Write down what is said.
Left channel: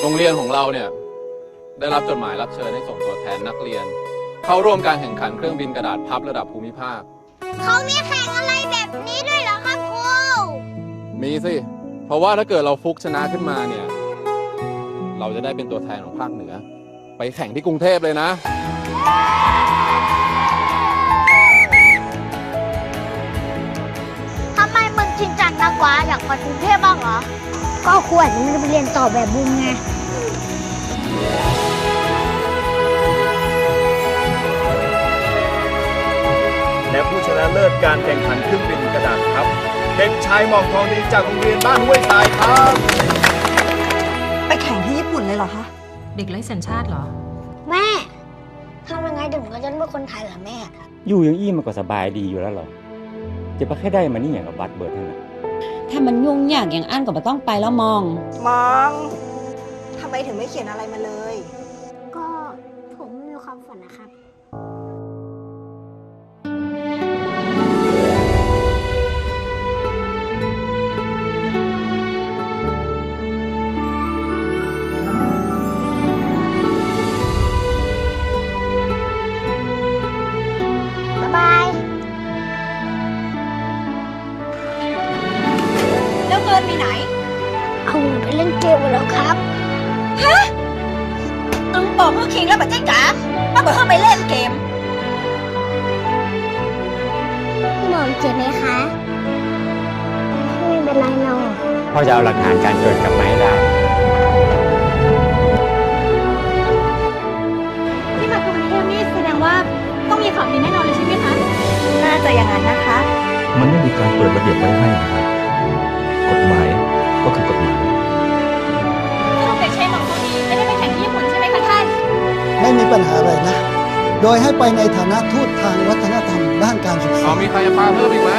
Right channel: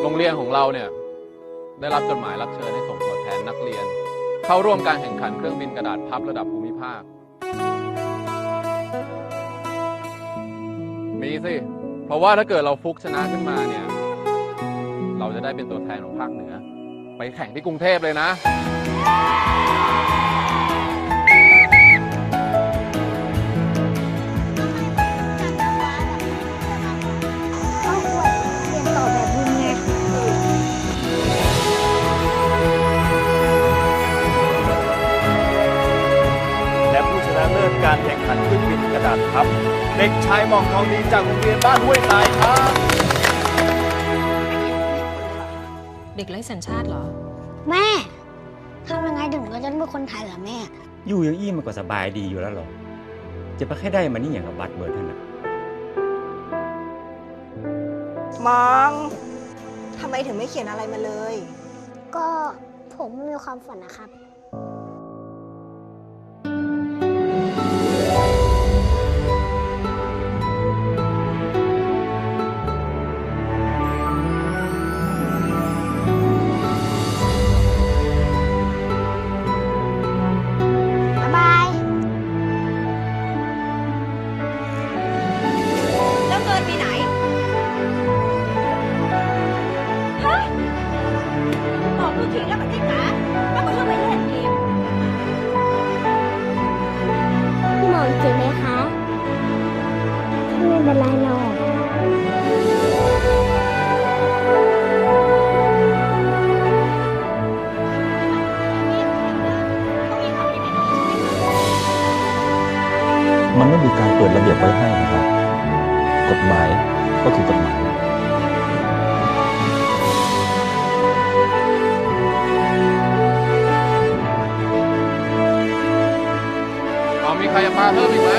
โรงเรียนของเราเนี่ย ได้รับจดหมายรับเชิญให้ส่งตัวแทนนักเรียน เข้าร่วมการแข่งขันเครื่องบินกระดาษพับระดับภูมิภาค เขามีแข่งอะไรแบบนี้ด้วยเหรอครับครูมีสิ เพราะว่าถ้าเกิดเราฟุกชนะขึ้นมาเนี่ย เราจะได้เป็นตัวแทนของภาคเหนือ ไปแข่งที่กรุงเทพเลยนะ มึงเรียนต่อแบบมึงไงและผู้ชนะเลิศการแข่งขันขึ้นเป็นกระดาษพับ เด็กชายหมอกทองดีจากโรงเรียนบ้านห้วยทรายครับ ไปแข่งที่ญี่ปุ่นเลยเหรอคะ เด็กไร้สัญชาติเหรอ แม่ทำยังไงถึงเราจะเป็นคนไทยเหรอแม่ อยู่อย่างอี้มันก็สบายดีอยู่แล้วหรอจะไปแค่ได้มานี่อย่างกับบัตรเบิดเท่านั้น ถ้ามันยุ่งยากอย่างอันก็ไม่ต้องไปแล้วมอง มองทำไมถึงไม่เขียนอะไรมาเลย ก็ผมมีความฝันนะครับ บ๊ายบาย แล้วเงินมีไหน เอาเงินไปเล่นเกมเลยเหรอครับน้องบอกเมื่อคิงแล้วบัจเจ๊จ๋าป้าบอกให้ไปเล่นเกม พี่หมอเจ็บไหมคะไม่เป็นไรหรอก พ่อจะเอาหลักฐานการเกิดกลับมาให้ได้ที่ ฐานะทูตทางวัฒนธรรมด้านการศึกษาเรามีใครจะพาเพิ่มอีกไหม